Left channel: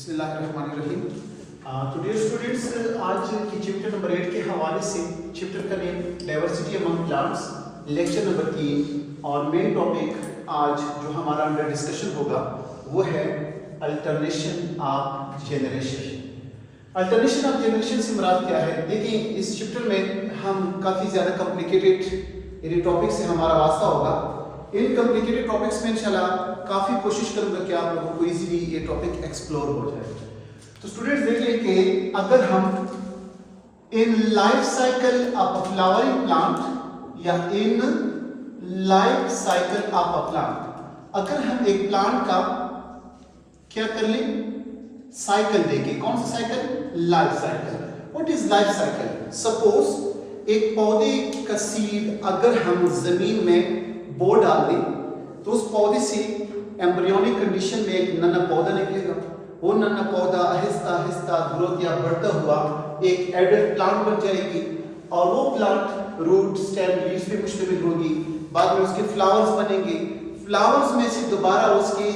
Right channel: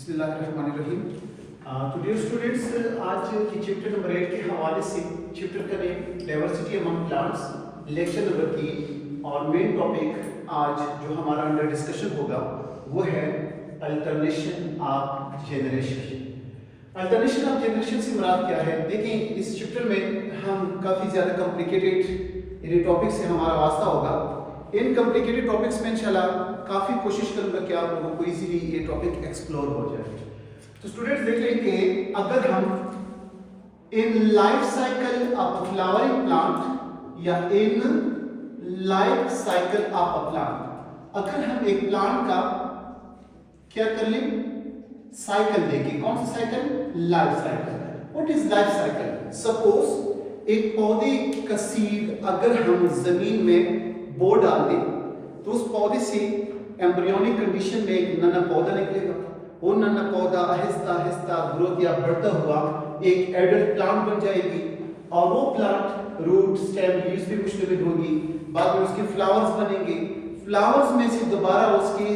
बिस्मिल्लाहिर्रहमानिर्रहीम। तो dear students, आज की चैप्टर नंबर 8 के हवाले से चैप्टर का name diversity among plants, lecture number 3 और मेन टॉपिक आज जो हमारा अंडर डिस्कशन होगा वो है alternation of generation. Alternation of generation से मुराद क्या है? देखिए, इस चैप्टर में हम काफ़ी ज़्यादा कॉम्प्लिकेटेड यानी टॉपिक से हमारा वास्ता होगा। इन कॉम्प्लिकेटेड टॉपिक्स में इंशाल्लाह काफ़ी कोशिश करूंगा कि आप लोगों को इजीली ये टॉपिक एक्सप्लोर हो जाए। तो स्टूडेंट्स देखिए कि अगर हम in life cycle of a flowering plant या in life cycle of a plant, अगर हम एक प्लांट का क्या कर लें, साइकिल देखें। कौन सा cycle? Life cycle. What is life cycle? Suppose एक पौधे का सीड अगर हम जमीन में बो डाल दें तो उस पौधे से एम्ब्रियोनिक कंडीशन में एक नन्हा पौधा निकलेगा। वो नन्हा पौधा आहिस्ता आहिस्ता ग्रोथ या बढ़ता हुआ एक एडल्ट प्लांट बन जाएगी और वो प्लांट रूट, स्टेम, लीव्स पे मुश्तमिल होगी। बाद में उसके फ्लावर्स बनेंगे, फ्लावर्स में से दोबारा उसके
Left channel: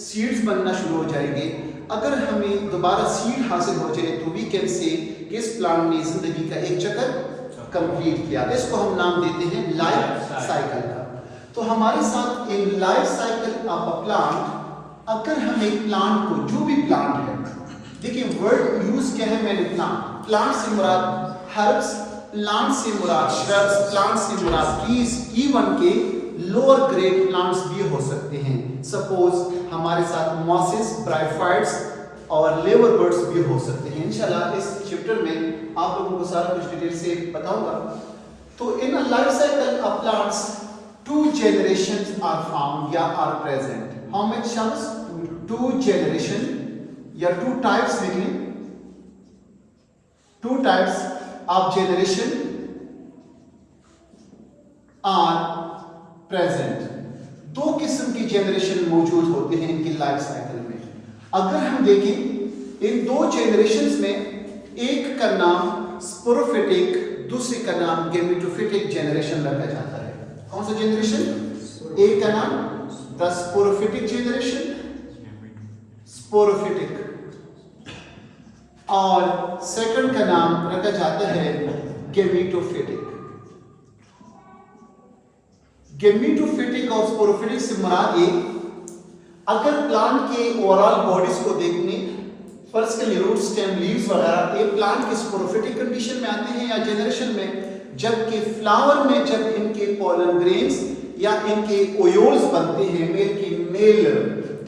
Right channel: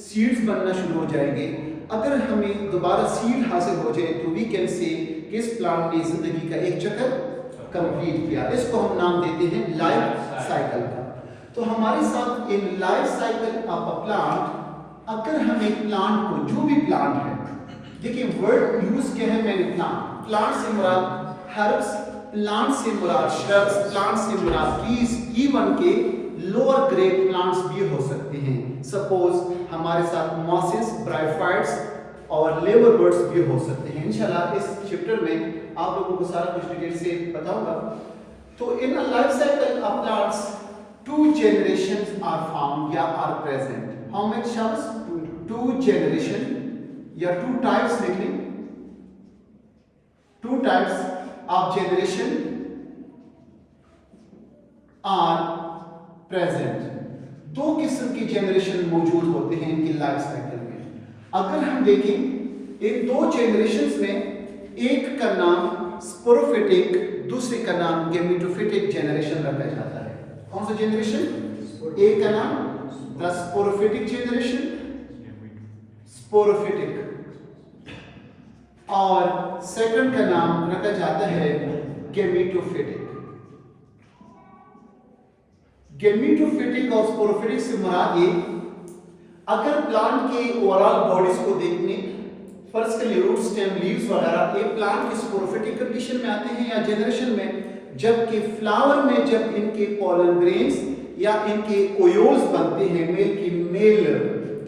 सीड्स बनना शुरू हो जाएंगे। अगर हमें दोबारा सीड हासिल हो जाए तो वी कैन से कि इस प्लांट ने जिंदगी का एक चक्कर कंप्लीट किया। इसको हम नाम देते हैं लाइफ साइकिल का। तो हमारे साथ इन life cycle of a plant, अगर हम एक प्लांट को, जो भी प्लांट है, देखिए वर्ड यूज क्या है मैंने प्लांट, प्लांट से मुराद हर्ब्स, प्लांट से मुराद श्रब्स, प्लांट से मुराद ट्रीज, इवन के लोअर ग्रेड प्लांट्स भी हो सकते हैं। सपोज हमारे साथ मॉसेस, ब्रायोफाइट्स और लेबर बर्ड्स भी हो सकते हैं। इंशाल्लाह इस चैप्टर में आप लोगों को सारा कुछ डिटेल से बताऊंगा। तो इन life cycle of plants two generations are found या are present. How many shams? Two generation या two types निकली, two types of generation are present. दो किस्म की जनरेशन मौजूद होते हैं इनकी लाइफ साइकिल में। अगर हम देखें इन दो जनरेशंस में एक का नाम स्पोरोफिटिक, दूसरे का नाम गेमेटोफिटिक जनरेशन रखा जाता है। कौन सा जनरेशन? एक का नाम द स्पोरोफिटिक जनरेशन, स्पोरोफिटिक, और सेकंड का नाम रखा जाता है गेमेटोफिटिक। गेमेटोफिटिक और स्पोरोफिटिक से मुराद ये, अगर प्लांट के ओवरऑल बॉडीज को देखने, फर्स्ट के लिए रूट, स्टेम, लीव्स वगैरह, एक प्लांट के स्पोरोफिटिक कंडीशन में आते हैं या जनरेशन में, जबकि फ्लावर में जब इनके पॉलन ग्रेन्स या इनके ओयोल्स बनते हैं, मेल की मेल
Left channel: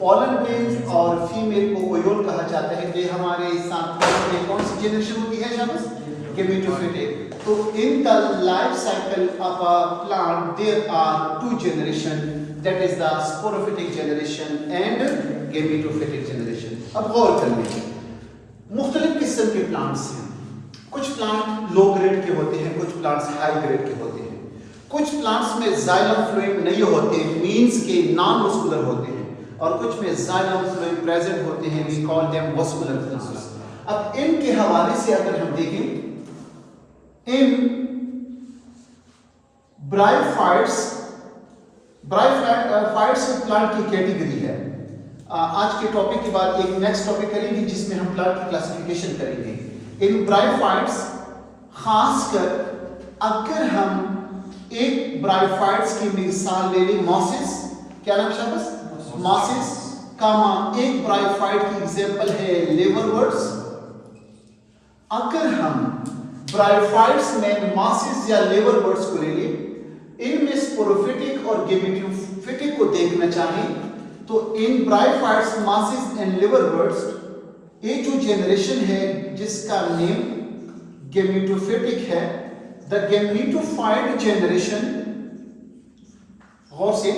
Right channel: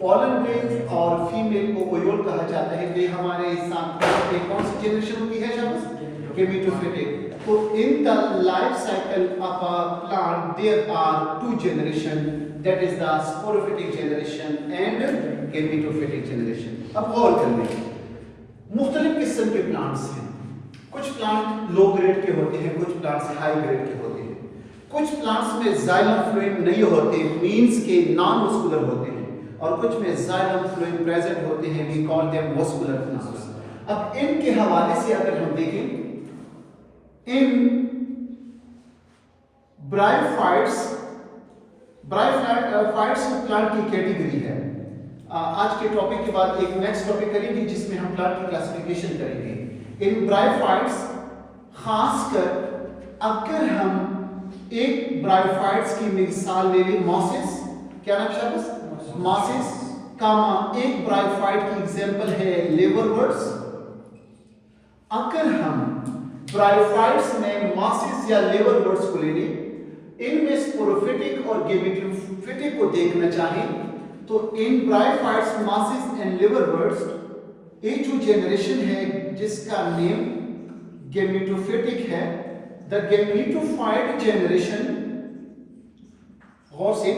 पॉलन ग्रेन्स और फीमेल को ओयोल कहा जाता है। ये हमारे साथ कौन सी जनरेशन होती है? शाबाश, गेमेटोफिटिक। तो in the life cycle of a plant there are two generation, that is the sporophytic generation and gametophytic generation. अब गौर कर लें, मुख्तलिफ किस्म के प्लांट्स हैं। कुछ प्लांट लो ग्रेड के होते हैं, कुछ प्लांट्स हाई ग्रेड के होते हैं। कुछ प्लांट्स में जाइलम फ्लूइड नहीं होते, मींस के नॉन मस्कुलर होते हैं, और कुछ में जाइलम फ्लूइड प्रेजेंट होते हैं, we call them muscular plants. अब इनके हवाले से अगर हम देखें, इन ब्रायोफाइट्स की प्लांट की कैटेगरी है। आज के टॉपिक के बाद एक नेक्स्ट टॉपिक करेंगे जिसमें हम प्लांट की क्लासिफिकेशन करेंगे। इन ब्रायोफाइट्स, खासकर अगर हम एक ब्रायोफाइट्स की मिसाल ले लें, मॉसेस, क्या नाम शाबाश, मॉसेस कामा, एक ब्रायोफाइट की एग्जांपल है लेबर बर्ड्स। अगर हम ब्रायोफाइट्स में मॉसेस या लेबर बर्ड्स को ले लें, इनमें स्पोरोफिटिक और गेमेटोफिटिक को देखना चाहें तो इन ब्रायोफाइट्स, मॉसेस एंड लेबर बर्ड्स, ये जो जनरेशन है जिसका नेम गेमेटोफिटिक है, द गेमेटोफाइट जनरेशन, गौर से,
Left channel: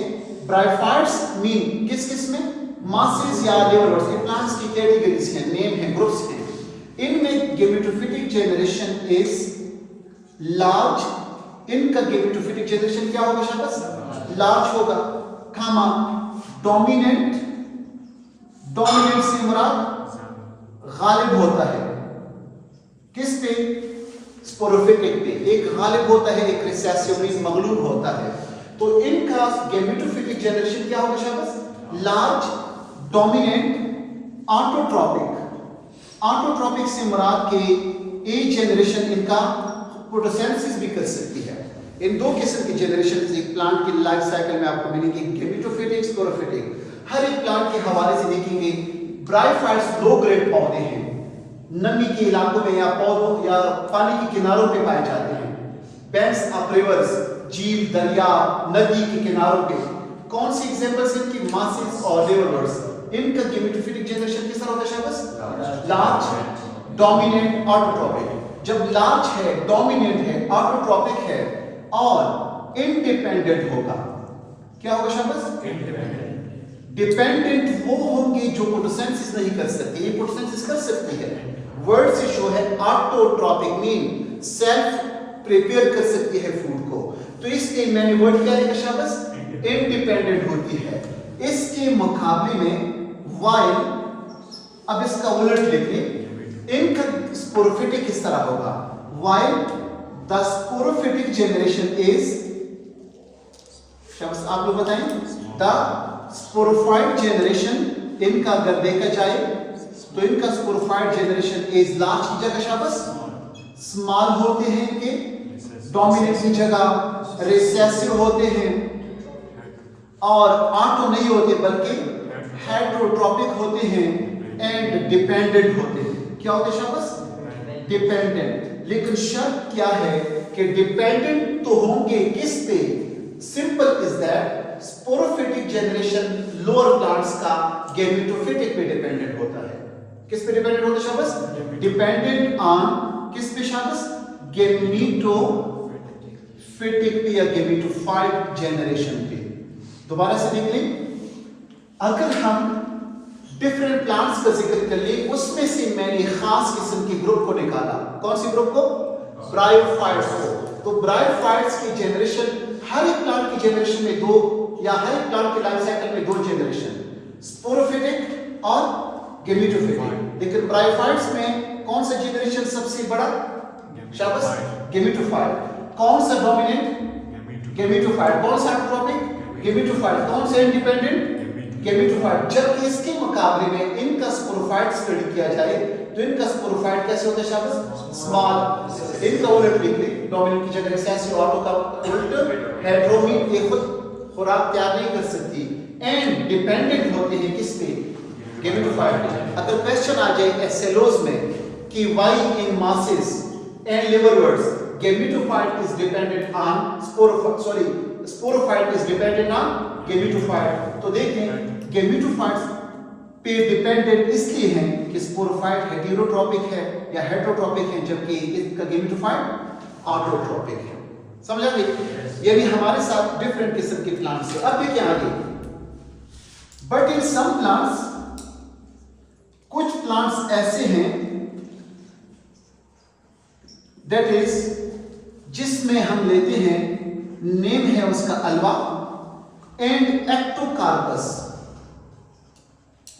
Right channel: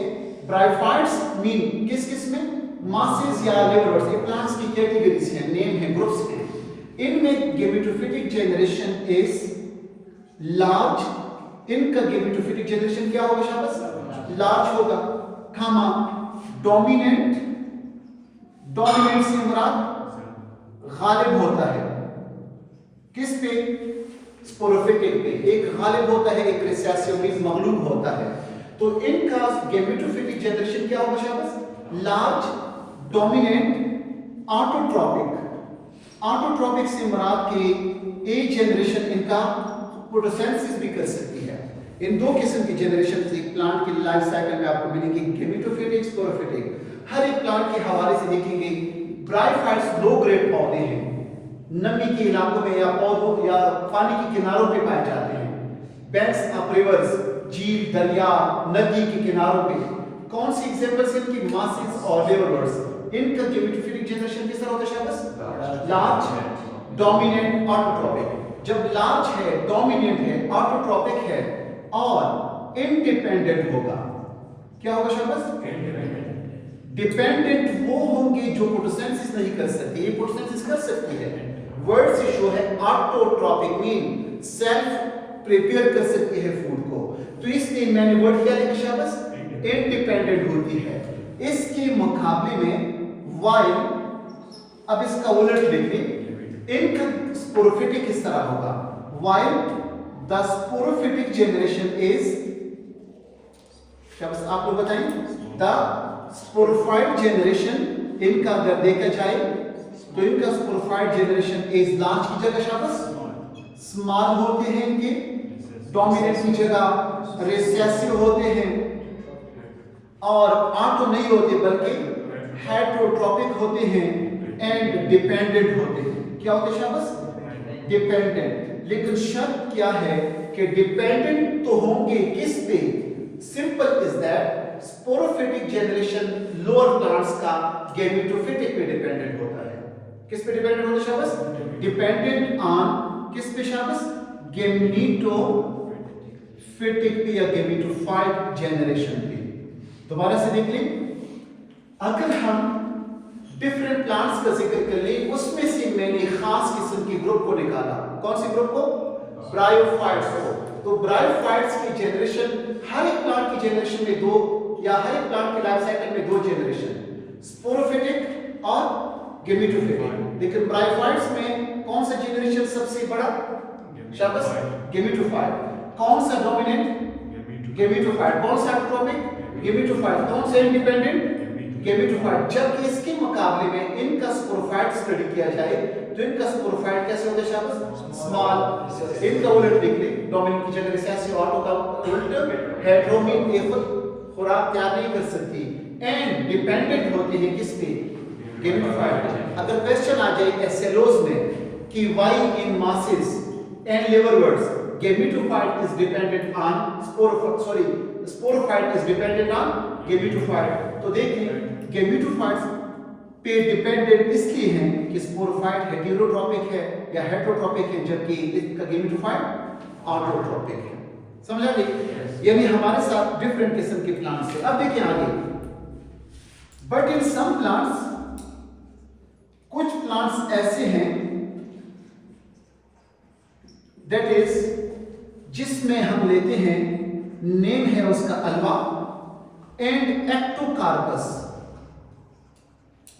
ब्रायोफाइट्स मीन किस किस में? मॉसेस या लेबर बर्ड्स। ये प्लांट्स की कैटेगरीज हैं, नेम है, ग्रुप्स हैं। इनमें गेमेटोफिटिक जनरेशन इज लार्ज। इनका गेमेटोफिटिक जनरेशन क्या होगा शाबाश? लार्ज होगा, खामा डोमिनेंट, डोमिनेंट से मुराद गालिब होता है, किस पे? स्पोरोफिटिक पे। एक गालिब होता है, एक रिसेसिव मगलूब होता है। तो इनका गेमेटोफिटिक जनरेशन क्या होगा शाबाश? लार्ज, डोमिनेंट ऑटोट्रॉपिक से मुराद के एक जनरेशन इनका फोटोसिंथेसिस भी कर सकती है। इन दो किस्म की जनरेशन एक प्लांट की लाइफ साइकिल में आपको मिलेंगी, गेमेटोफिटिक, स्पोरोफिटिक। हर एक प्लांट के हवाले से देखेंगे ब्रायोफाइट्स लो ग्रेड पौधे हैं, नमी के इलाकों में या पौधों या पानी के किनारों पे पाए जाते हैं। बैंक्स ऑफ रिवर्स, झील, दरिया, नदी के किनारों पे। कौन सी एग्जांपल्स हैं कि मासिस और लेवलवर्स। इनका गेमेटोफिटिक जनरेशन किस तरह होता है शाबाश? Large, dominant, autotrophic. जब लार्ज है, डोमिनेंट है, ऑटोट्रॉपिक है और इंडिपेंडेंट होगा, क्या होगा शाबाश? डिपेंडेंट वो होंगे जो फोटोसिंथेसिस नहीं कर सकते, ये फोटोसिंथेसिस कर सकती है। वर्ड से शो है ऑटोट्रॉपिक, मीन सेल्फ प्रिपेयर कर सकती है फूड को। तो इसके मैंने वर्ड क्या लिखा शाबाश? इंडिपेंडेंट होती है। इसके मुकाबले में वाइल, अब इसका उलट लिखिए, इनका स्पोरोफिटिक किस तरह होगा? While the sporophytic generation is, शाबाश आप लोग बताएं, द स्पोरोफाइट जनरेशन, इनका अगर देखा जाए तो इनका स्पोरोफाइट जनरेशन इज लार्ज की जगह शाबाश स्मॉल होते हैं, इनके डोमिनेंट की जगह रिसेसिव होते हैं और ऑटो नहीं होते बल्कि हेटेरोट्रॉपिक होते हैं एंड डिपेंडेंट होते हैं। क्या होते हैं शाबाश? डिपेंडेंट। लेकिन शर्त क्या है कि डिपेंडेंट तो होंगे किस पे? Simple is that sporophytic generation lower plants का गेमेटोफिटिक पे डिपेंडेंट होता है। किस पे डिपेंडेंट होता है शाबाश? डिपेंडेंट ऑन किस पे शाबाश? गेमेटोफिटिक पे या गेमेटोफाइट जनरेशन पे। दोबारा से देख लें, अगर हम डिफरेंट प्लांट्स का जिक्र कर ले, उसमें से मैंने खास किस्म के ग्रुप को निकाला। कौन से ग्रुप को? ब्रायोफाइट्स को। तो ब्रायोफाइट्स की जनरेशन, हर एक प्लांट की जनरेशन में दो, या हर एक प्लांट की लाइफ साइकिल में दो जनरेशन, स्पोरोफिटिक और गेमेटोफिटिक। लेकिन ब्रायोफाइट्स में कौन सा जनरेशन सबसे बड़ा? शाबाश गेमेटोफाइट। कौन सा डोमिनेंट? गेमेटोफाइट। कौन सा ऑटोट्रॉपिक? गेमेटोफाइट। कौन सा इंडिपेंडेंट? गेमेटोफाइट। जबकि इसके मुकाबले में इनका स्पोरोफाइट स्टडी किया जाए तो इनका स्पोरोफाइट कैसे होता है शाबाश? स्मॉल। इनका उलट लिखिए, डोमिनेंट की जगह रिसेसिव, ऑटो का उलट हेटेरोमीन, ये खुद खुराक तैयार नहीं कर सकती एंड डिपेंडेंट होती है किस पे? गेमेटोफाइट। अगर क्वेश्चन आ जाए एसएलओस में कि why in mosses and liverworts gametophyte is dependent on sporophyte is dependent on gametophyte, तो देखें गेमेटोफाइट्स पे डिपेंडेंट इसलिए हैं कि स्पोरोफाइट हेटेरोट्रॉपिक है या हेटेरोट्रॉपिक है, जबकि इसका गेमेटोफाइट ऑटोट्रॉपिक है। समझा गई? यानी हमारे साथ डिफरेंट किस्म के प्लांट्स है। अब देखिए आगे, बट इन सम प्लांट्स, कुछ प्लांट्स ऐसे हैं दैट इज जिसमें हम लेते हैं, नेम है उसका अल्वा एंड एक्टोकार्पस।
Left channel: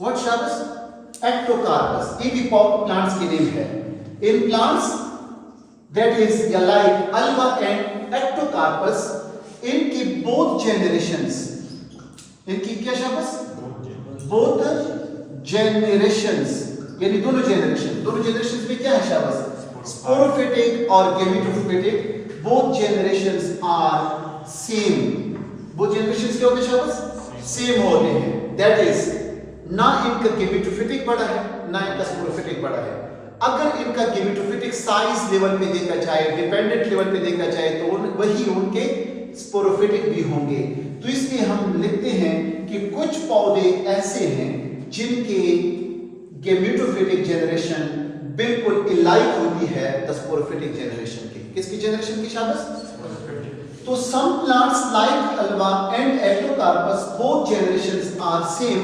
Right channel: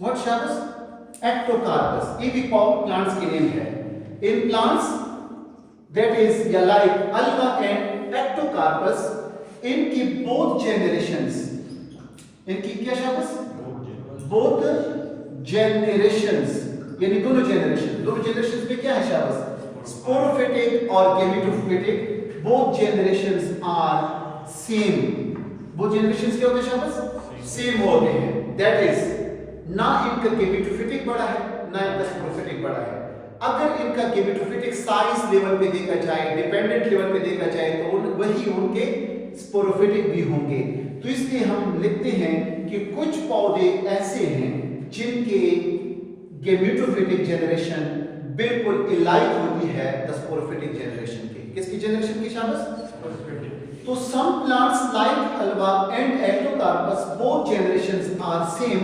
व्हाट शाबाश? एक्टोकार्पस। ये भी प्लांट्स के नेम है। In plants that is like Ulva and Ectocarpus, इनकी बोथ जनरेशंस, इनकी क्या शाबाश? बोथ जनरेशंस, यानी दोनों जनरेशंस में क्या है शाबाश? स्पोरोफिटिक और gametophytic, both generations are same. वो जनरेशंस क्या होते हैं शाबाश? सेम होते हैं। दैट इज ना इनका गेमेटोफिटिक बड़ा है ना इनका स्पोरोफिटिक बड़ा है। अगर इनका गेमेटोफिटिक साइज लेवल पे देखा जाए, डिपेंडेंट लेवल पे देखा जाए, तो वही उनके स्पोरोफिटिक भी होंगे। तो इसलिए हम लिखते हैं कि कुछ पौधे ऐसे हैं जिनके गेमेटोफिटिक जनरेशन बिल्कुल इलाइक होती है द स्पोरोफिटिक जनरेशन की। किसकी जनरेशन की शाबाश? तो some plants like Ulva and Ectocarpus, both generations are same,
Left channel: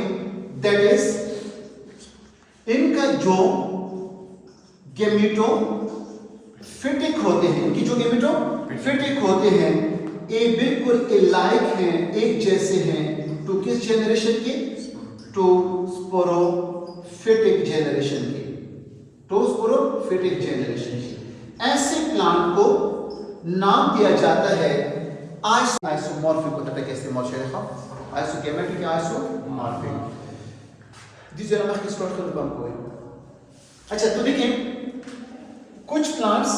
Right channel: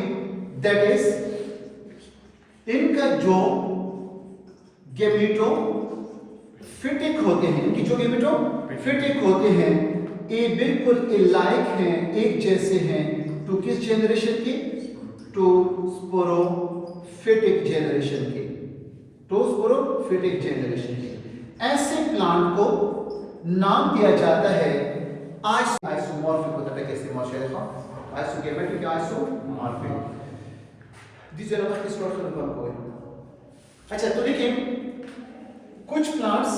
that is इनका जो गेमेटोफिटिक होते हैं, इनकी जो गेमेटोफिटिक होते हैं, ये बिल्कुल इलाइक हैं, एक जैसे हैं टू किस जनरेशन की? टू स्पोरोफिटिक जनरेशन की। टू स्पोरोफिटिक जनरेशन की। ऐसे प्लांट को नाम दिया जाता है आइसोमॉर्फिक होता है। कैसे morphic? Isogametic, isomorphic. Dice la que स्टोर तो कम कोई। अच्छा तो देखिए कुछ प्लांट्स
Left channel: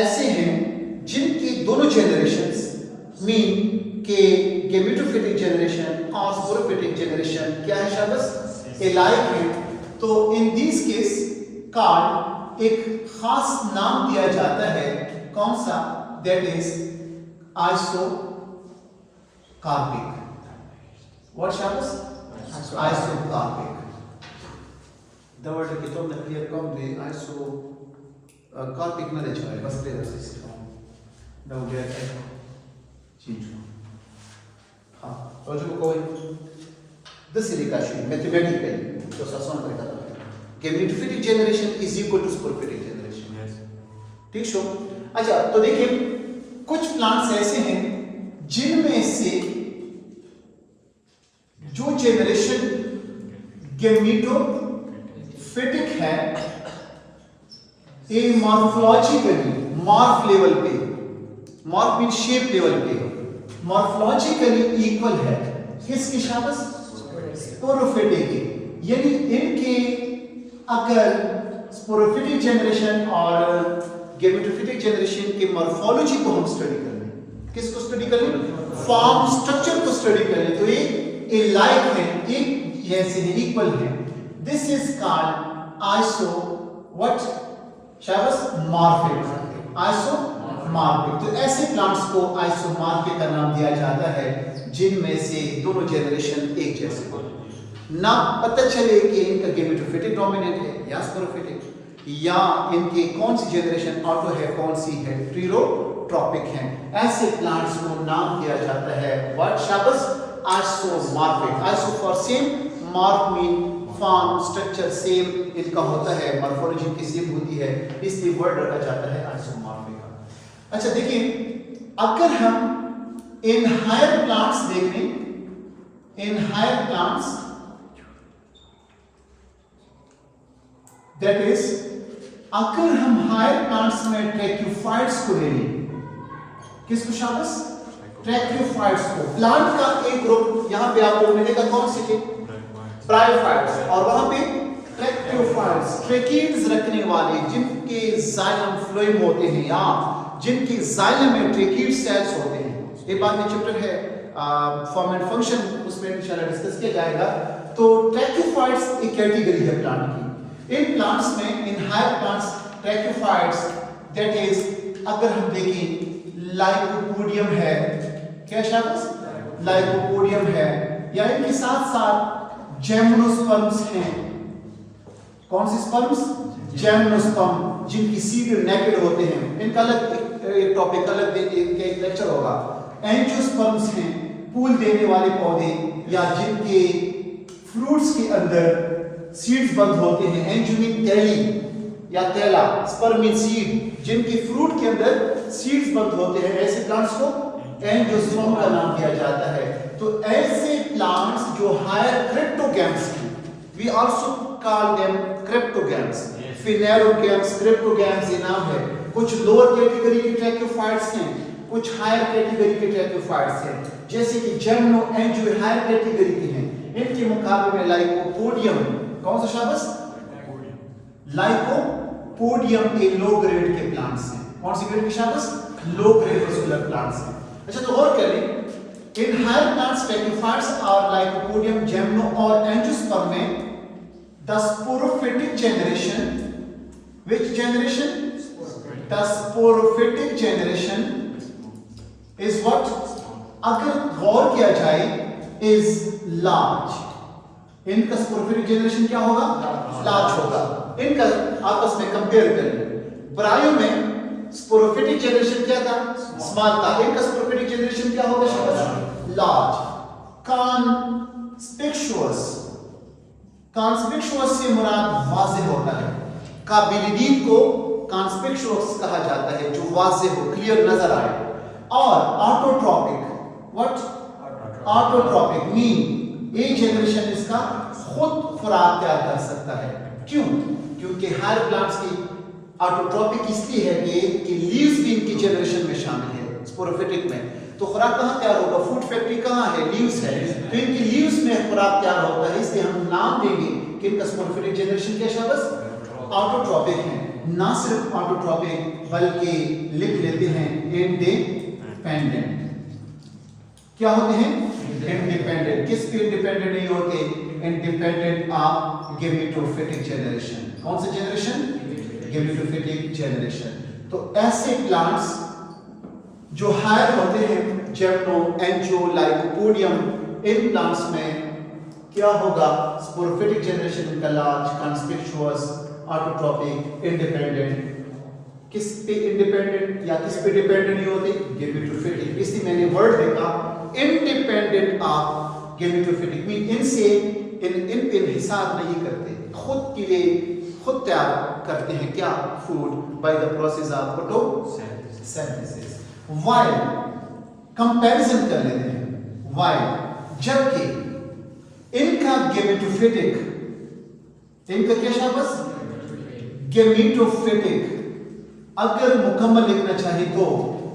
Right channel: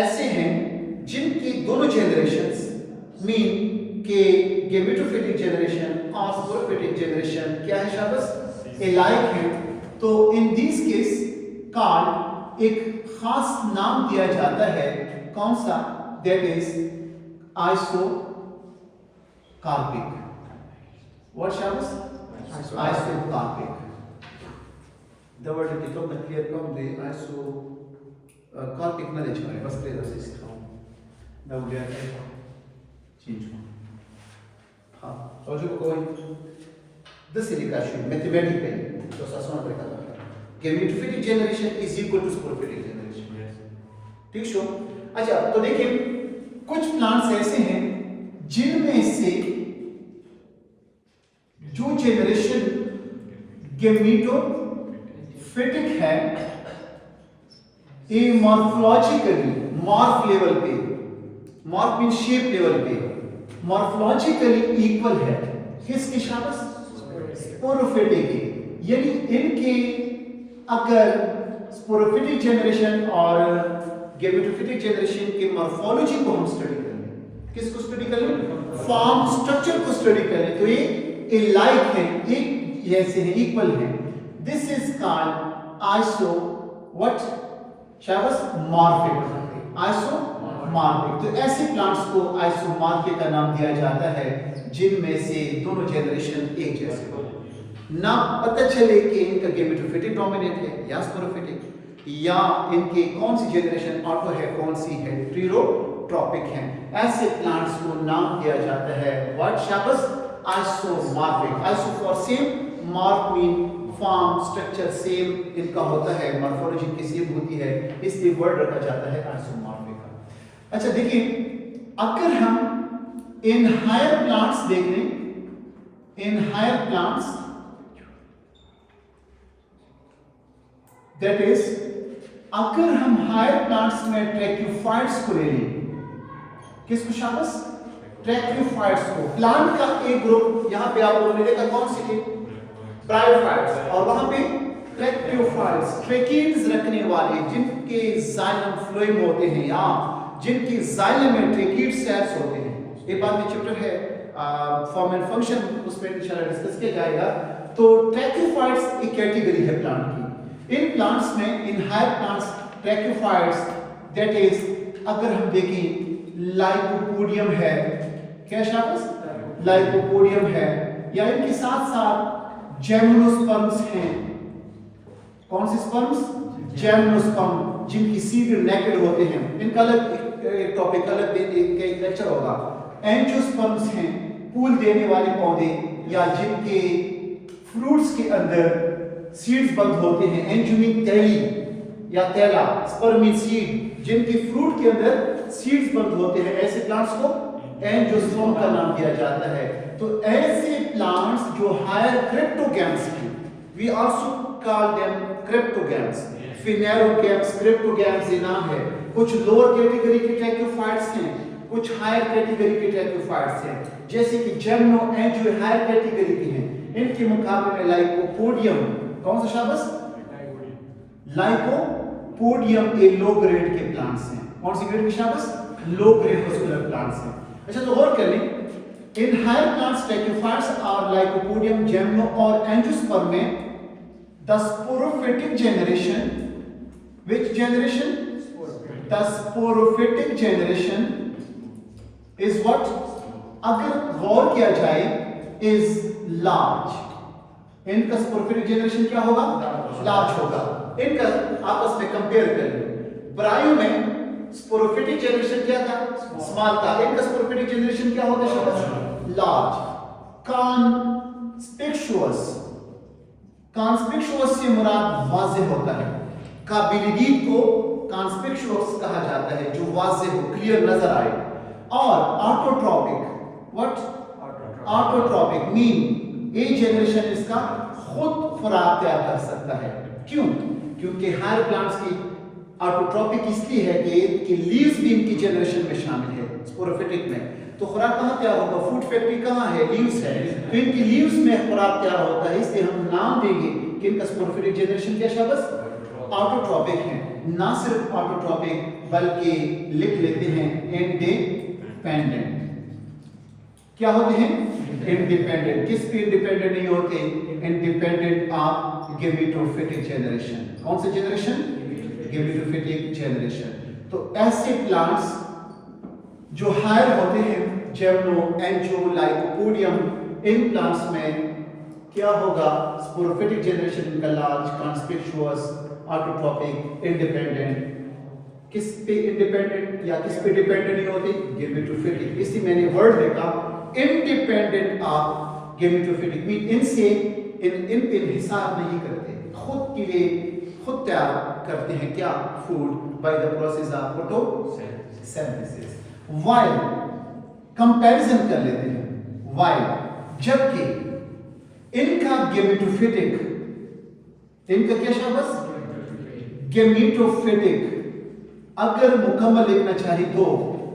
ऐसे हैं जिनकी दोनों जनरेशंस मीन के गेमेटोफिटिक जनरेशन और स्पोरोफिटिक जनरेशन क्या है शाबाश एलाइक है। तो इन दिस केस कार्ड एक खास नाम दिया जाता है कौन सा दैट इज आइसोकार्पिक। व्हाट शाबाश आइसोकार्पिक the word कि तुम क्लियर कम दे आइसोकार्पिक ना दे चाहे बस ले दस इसका ना मुझे चेंज हाँ और जो कोई the silication mathematically तो सासों में देखा था gametophytic generation is equal to sporophytic generation. ठीक शो। अच्छा तो देखिए कुछ प्लांट्स ऐसे हैं जिनमें से जो जनरेशन गेमेटोफिटिक है ये मॉर्फोलॉजिकली मॉर्फ लेवल पे मॉर्फ मीन शेप लेवल पे मॉर्फोलॉजिकली इक्वल है किसकी शाबाश स्पोरोफिटिक की। यानी इनके अगर स्पोरोफिटिक जनरेशन और गेमेटोफिटिक जनरेशन के मॉर्फोलॉजी को हम स्टडी कर लें किसको स्टडी कर लें फॉर्म स्ट्रक्चर को स्टडी कर लें तो ये लाइक है एक जैसे है इक्वल है। This is called iso what शाबाश मॉर्फिक आइसोमॉर्फिक। तो ऐसे प्लांट्स को आइसोमॉर्फिक का नाम दिया जाता है जिनमें से दोनों जनरेशन एक जैसे हो ना पता चले कि इनका गेमेटोफिटिक डोमिनेंट है या स्पोरोफिटिक या इनके कौन सी जनरेशन ऑटो है कौन सी है प्लेरोट्रॉपिक है। ऐसे प्लांट्स को नाम दिया जाता है व्हाट शाबाश isomorphic. Iso for same morph mean form structure same इनका होता है मॉर्फोलॉजी की सेम होती है इसलिए वर्ड रखा जाता है आइसोमॉर्फिक का। अच्छा देखिए अगर हम इन हायर प्लांट्स देख लें in higher plants that is अगर हम हायर प्लांट्स में ट्रैक्यूफाइट्स को ले लें किसको शाबाश ट्रैक्यूफाइट्स को प्लांट का एक ग्रुप यहां पे आप लोगों ने देखा कौन सी थी ब्रायोफाइट्स और वहां पे ट्रैक्यूफाइट्स ट्रैकीड्स रखने वाले जिनके जाइलम फ्लोएम होते हैं या जिनकी जाइलम में ट्रैकीड सेल्स होते हैं। एक बार में चैप्टर है फॉर्म एंड फंक्शन उसमें इंशाल्लाह डिस्कस किया जाएगा। तो ट्रैक्यूफाइट्स एक कैटेगरी है प्लांट की। इन प्लांट्स में in higher plants tracheophytes that is अगर हम देखें लाइकोपोडियम है क्या शाबाश लाइकोपोडियम है या इनके साथ साथ जेम्नोस्पर्म्स हैं कौन सी स्पर्म्स जेम्नोस्पर्म जिनकी सीड नेकेड होते हैं इनका अलग एक टॉपिक अलग एक लेक्चर होगा। एंजियोस्पर्म्स हैं फूल देने वाले पौधे या जिनके फ्रूट्स के अंदर सीड्स बंद होते हैं एंजियो तैली या तैला स्पर्म सीड जिनके फ्रूट के अंदर सीड्स बंद होते हैं ऐसे प्लांट्स को एंजियोस्पर्म का नाम दिया जाता है। तो ऐसे प्लांट्स जो हायर क्रिप्टोगैम्स हैं we also call them cryptogams phanerogams cryptogams ये नाम है। कुछ लोअर कैटेगरी के ट्रैक्यूफाइट्स हैं कुछ हायर कैटेगरी के ट्रैक्यूफाइट्स हैं जैसे कि जेम्नो एंजियो हायर कैटेगरी के हैं इनके मुकाबले में लाइकोपोडियम कौन सा शाबाश लाइकोपोडियम के लो ग्रेड के प्लांट्स हैं कौन सी ग्रेड के शाबाश लो ग्रेड के प्लांट्स हैं। अच्छा तो और कर लें इन हायर प्लांट्स ट्रैक्यूफाइट्स और लाइकोपोडियम जेम्नो और एंजियोस्पर्म में the sporophytic generation which generation the sporophytic generation is what अगर गौर किया जाए is large इनका स्पोरोफिटिक जनरेशन क्या होगा लार्ज होगा। इनका आपस में कंपेयर करें ब्रायो में स्पोरोफिटिक जनरेशन क्या था स्मॉल था इनका स्पोरोफिटिक जनरेशन क्या होगा लार्ज। कॉन्स्पिक्चुअस से मुराद वाज़ेह होता है काबिलिटी को कॉन्स्पिक्चुअस कहा जाता है जो वाज़ेह हो क्लियर नजर आए। और autotrophic what autotrophic mean A generation इसका खुद खुराक तैयार कर सकता है। क्यों क्योंकि हायर प्लांट्स की ऑटोट्रॉपिक इसलिए है कि लीव्स भी इनकी जनरेशन में शामिल है स्पोरोफिटिक में। तो खुराक कहाँ तैयार होगा फूड फैक्ट्री कहाँ है लीव्स है तो इनकी लीव्स में खुराक तैयार होता है इसलिए हम नाम देंगे किनका स्पोरोफिटिक जनरेशन क्या शाबाश ऑटोट्रॉपिक है। ना सिर्फ ऑटोट्रॉपिक बल्कि लिख लेते हैं इंडिपेंडेंट। क्या होते हैं इंडिपेंडेंट। किस पे इंडिपेंडेंट नहीं होते इंडिपेंडेंट ऑफ गेमेटोफिटिक जनरेशन। कौन सा जनरेशन गेमेटोफिटिक जनरेशन। तो ऐसे प्लांट्स जो हायर होते हैं जेमनो एंजियो लाइकोपोडियम इन प्लांट्स में क्या होगा स्पोरोफिटिक जनरेशन इनका लार्ज कॉन्स्पिकुअस ऑटोट्रॉपिक इंडिपेंडेंट। किस पे इंडिपेंडेंट या किस पे डिपेंडेंट नहीं होते गेमेटोफिटिक। इसलिए मैंने वर्ड देखा इंडिपेंडेंट ऑफ गेमेटोफिटिक मीन इनसे इन हिसाब नहीं करते खुद के लिए खुद तैयार करते हैं क्या food by the process of photosynthesis. While comparison कर लेते हैं वाइल जबकि इनका गेमेटोफिटिक इनका क्या शाबाश गेमेटोफिटिक अगर मुकम्मल लिखना चाहिए तो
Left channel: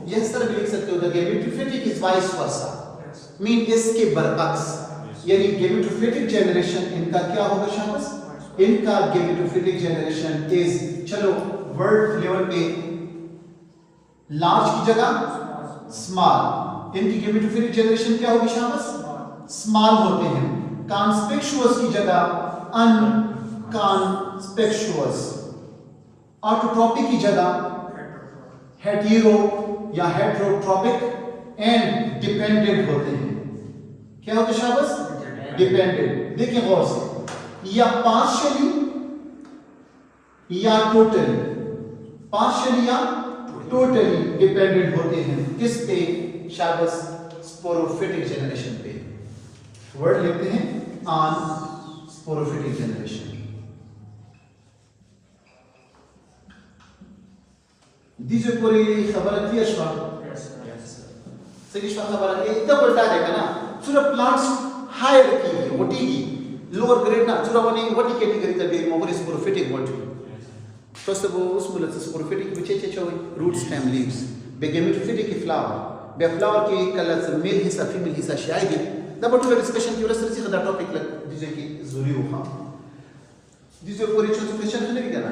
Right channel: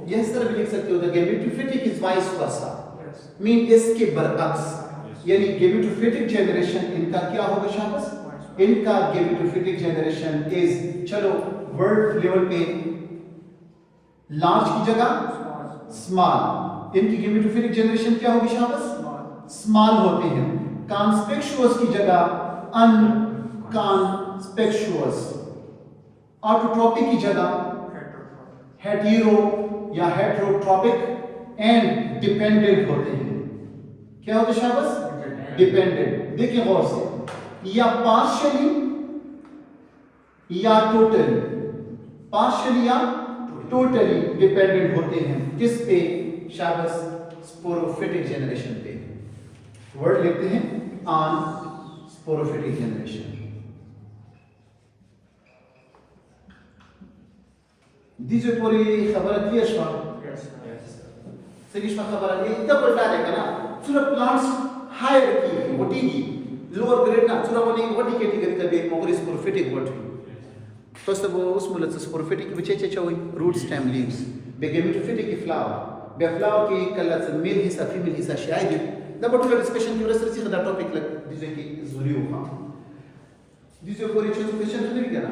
इस तरह भी लिख सकते हो the gametophytic is vice versa mean इसके बरअक्स यानी गेमेटोफिटिक जनरेशन इनका क्या होगा शाबाश इनका गेमेटोफिटिक जनरेशन इज चलो वर्ड लेवल पे लार्ज की जगह स्मॉल इनकी गेमेटोफिटिक जनरेशन क्या होगी शाबाश स्मॉल होते हैं। कॉन्स्पिकुअस की जगह अनकॉन्स्पिकुअस ऑटोट्रॉपिक की जगह हेटेरो या हेटेरोट्रॉपिक एंड डिपेंडेंट होते हैं। क्या होते शाबाश डिपेंडेंट। देखिए गौर से या पार्शियली या टोटली डिपेंडेंट होते हैं किस पे शाबाश स्पोरोफिटिक जनरेशन पे। वर्ड लिखते हैं ऑन स्पोरोफिटिक जनरेशन। दीजिए पूरी खबर क्लियर शॉट सही खबर है इतना बड़ा है ना चुरा प्लांट्स हायर की वटीगी लोअर ग्रेड ना चुरा बने वटी कैटेगरी का देख मगर स्पोरोफिटिक वटी तो सब उस मूलत स्पोरोफिटिक बचे चोई रूट स्टेम लीव्स बेगेमेटोफिटिक फ्लावर बे फ्लावर की कलर मेल हिस्सा फीमेल हिस्सा शायद दबा टू डिस्कशन की वजह से खदा टॉपिक लग दीजिए कि जरूरी होगा दीजिए पूरी चीज क्वेश्चन नहीं देना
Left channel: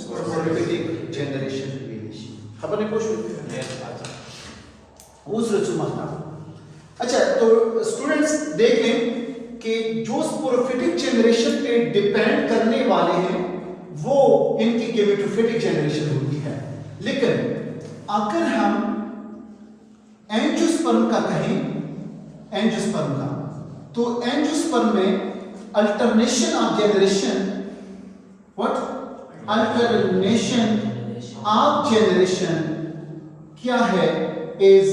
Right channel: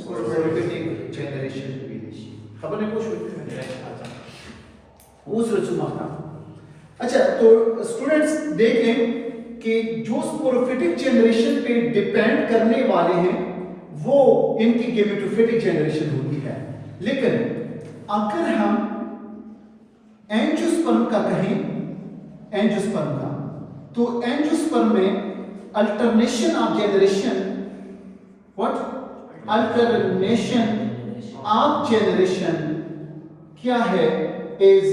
स्पोरोफिटिक जनरेशन की खबर नहीं कुछ उस रचुमाना। अच्छा तो स्टूडेंट्स देखें कि जो स्पोरोफिटिक जनरेशन पे डिपेंड करने वाले हैं वो इनकी गेमेटोफिटिक जनरेशन होती है। लेकिन अगर हम एंजियोस्पर्म का कहें एंजियोस्पर्म का तो एंजियोस्पर्म में alternation of generation what alternation of generation क्या है इज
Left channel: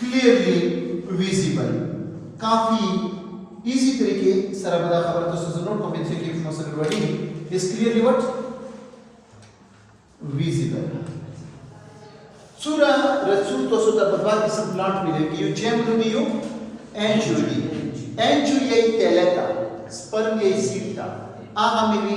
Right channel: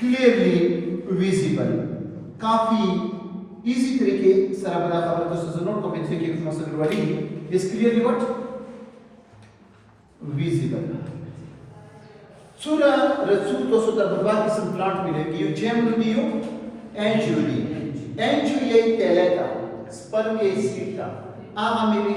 क्लियरली विजिबल। काफी इजी तरीके सरबरा खबर तो नोट को मिलते कि मसल बड़ी इज क्लियरली व्हाट विजिबल। सूरा रसूल तो सुदा बर्बाद किस्म प्लांट मिलेगी यो जेमनुमियो एंजुली तेलेटा स्पर्म ये सीटा आगा मेरी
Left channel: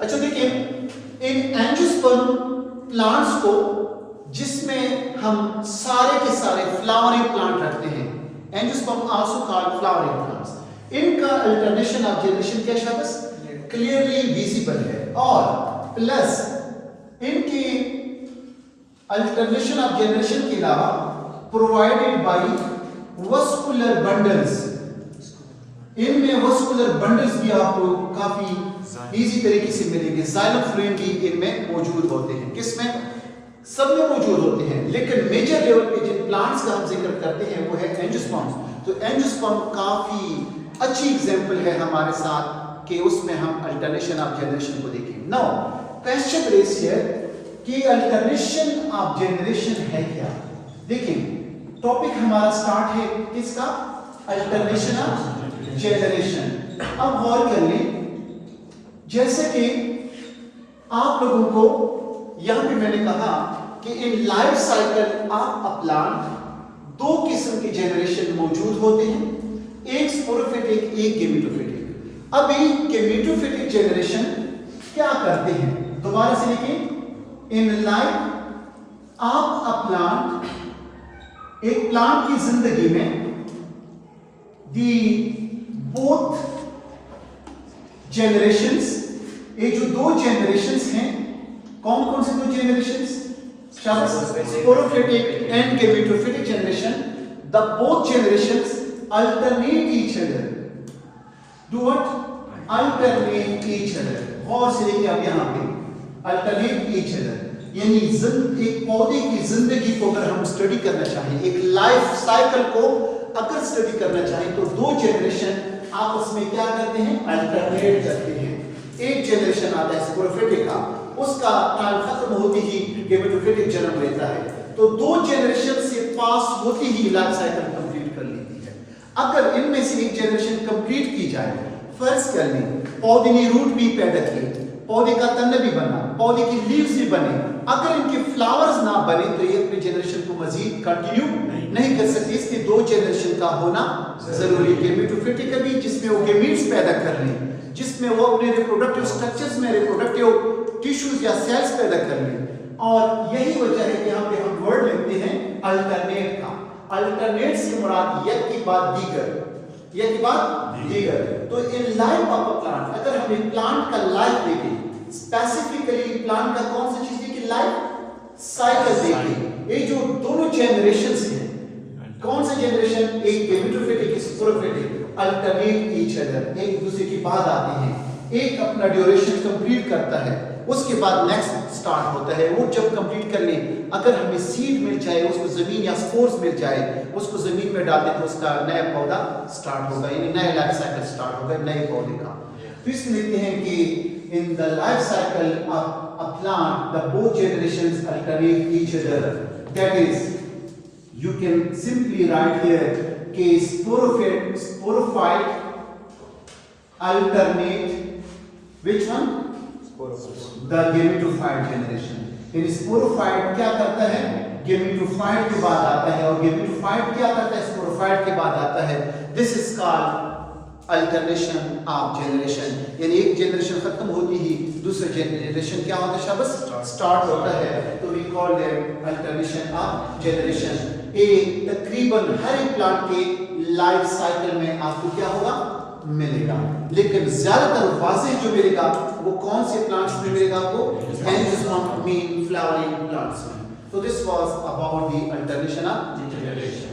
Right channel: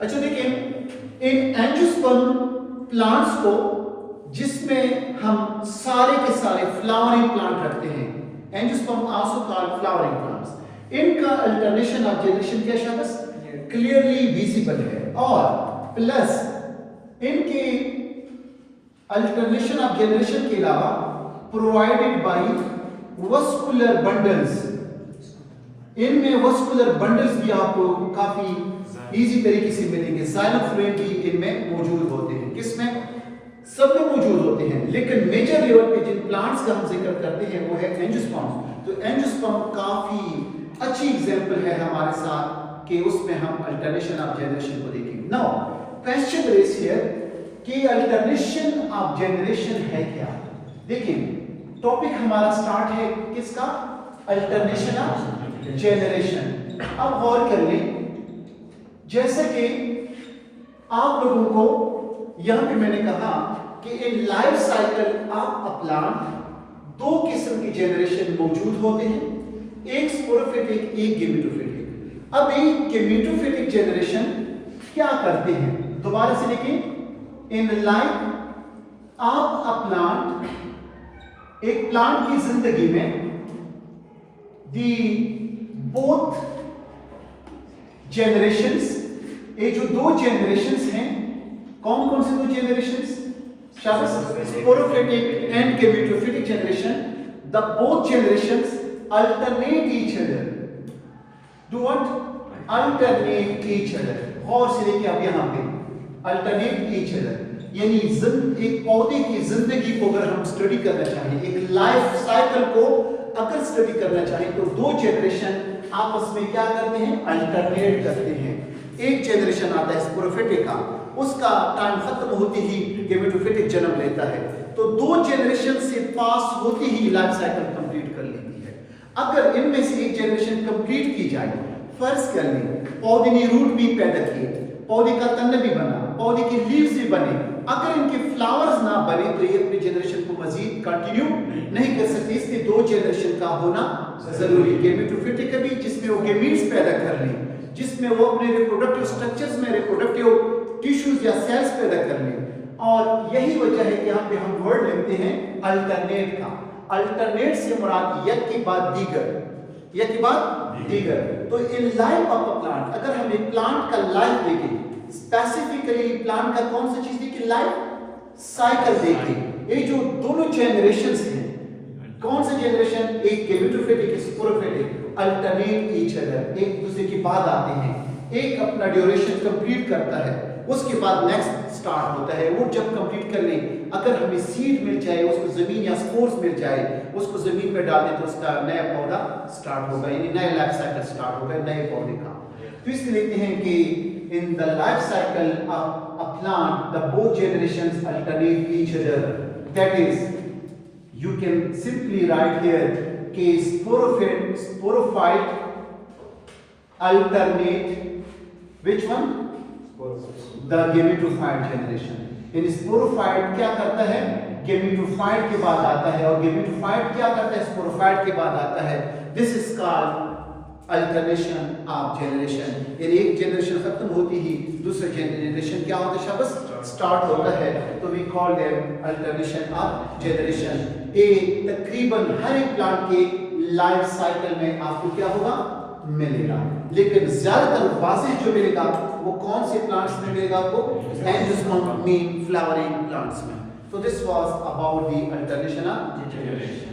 अच्छा देखिए इन एंजियोस्पर्म प्लांट्स को जिसमें हम सारे के सारे फ्लावरिंग प्लांट रखते हैं angiosperm also called flowering plants इनका अल्टरनेशन ऑफ जनरेशन क्या शाबाश क्लियरली विजिबल है, और प्लस इनके अल्टरनेशन ऑफ जनरेशन के अलावा प्रोवाइडेड बाय वस्कुलर बंडल्स, इनमें वस्कुलर बंडल्स भी आपको काफी इजी तरीके से मिलेंगे। जाइलम फ्लूएम भी इनमें मौजूद होते हैं, किसमें सब में मौजूद होते हैं, लेकिन मेजर लेवल पे जिन प्लांट्स का हम जिक्र करते हैं वो है एंजियोस्पर्म। तो एंजियोस्पर्म काफी अच्छी एग्जांपल है हमारे साथ कि उसमें हम अल्टरनेशन ऑफ जनरेशन को देखें। नाउ क्वेश्चन इज हियर कि अल्टरनेशन ऑफ जनरेशन है क्या। देखिए टॉपिक हमारा स्टार्ट है किसका, अल्टरनेशन ऑफ जनरेशन। अब गौर कर लें, जैसे कि आप लोगों को यहां पे मैंने कहा कि इन life cycle of a plant दो किस्म के जनरेशन मौजूद होते हैं, एक स्पोरोफिटिक एक गेमेटोफिटिक। अब ये गेमेटोफिटिक जनरेशन क्या करते हैं, दोबारा से लिखें, in life of a plant, एक प्लांट की जिंदगी में दी बोथ जनरेशंस, ये जो दो जनरेशंस हैं, कौन कौन से दो generations, sporophytic and gametophytic generation, the both generations alternate each other, do what, alternate each other। गौर से देखिए अब यहाँ पे alternate each other, यानी एक पौधे की जिंदगी को अगर हम स्टडी करना चाहें, एक लाइफ साइकिल को अगर स्टडी करना चाहें, तो दो जनरेशन आपस में क्या करते हैं, अल्टरनेट करते हैं। एक जनरेशन आता है स्पोरोफिटिक का, उसका टाइम खत्म होते ही गेमेटोफिटिक जन्म लेता है, तो दो जनरेशन से पास होते ही लाइफ साइकिल कंप्लीट कर लेती है। अगर इनमें से एक जनरेशन कंप्लीट की जाए, फर्ज कर लें पौधे ने रूट भी पैदा किए, पौधे का तन भी बना, पौधे के लीव्स भी बने, अगर इनके फ्लावर्स ना बने तो ये अपनी जनरेशन को मजीद कंटिन्यू नहीं कर सकते, इसलिए दो जनरेशन का होना जरूरी। गेमेटोफिटिक भी जिसमें वो गेमीट्स पैदा कर लें, जिसमें वो अपने रिप्रोडक्टिव स्ट्रक्चर्स में रिप्रोडक्टिव टिश्यूज या सेल्स पैदा कर लें, और यही वजह है कि यहाँ पे हम वर्ड लेते हैं अल्टरनेट का। अल्टरनेट से मुराद एक के बाद दीगर, एक के बाद दीगर। तो in life of a plant, अगर हम एक प्लांट का लाइफ देखें, स्पेसिफिकली प्लांट का कौन सी चीज देखिए, लाइफ साइकिल देखें, ये जो दोनों जनरेशंस हैं, कौन से जनरेशन, एक गेमेटोफिटिक एक स्पोरोफिटिक, अल्टरनेट ईच अदर, एक दूसरे के बाद आते हैं, एक अपना ड्यूरेशन कंप्लीट करता है, उसके बाद नेक्स्ट स्टार्ट होता है। वो जब कंप्लीट कर ले, अगर हमें सीड मिल जाए, उसको जमीन या स्पोर्स मिल जाए, उसको जमीन में डाल दे तो उसका नया पौधा स्टार्ट होगा, यानी नया लाइफ साइकिल स्टार्ट होगा नए पौधे का। तो इसलिए लिखते हैं कि इन the life cycle of a plant the both generations alternate each other, that is you can simply write here कि sporophyte alternate which one, the gametophyte generation। यानी sporophyte क्या करता है, gametophyte के बाद आता है, और gametophyte क्या करता है, sporophyte के बाद आता है। This is called alternation of generation, यानी एक जनरेशन खत्म होती ही दूसरा जनरेशन क्या होता है, शाबाश स्टार्ट होता है, तो we call them alternation of generation. ये तकरीबन हर एक प्लांट के लाइफ साइकिल में आपको क्या होगा, मिलेगा, लेकिन ज्यादातर वाज़ेह जो मिलेगा वो कौन से प्लांट्स में मिलेगा आपको, एंजियोस्पर्म मीन फ्लावरिंग प्लांट्स में। तो this was about the alternation of generation.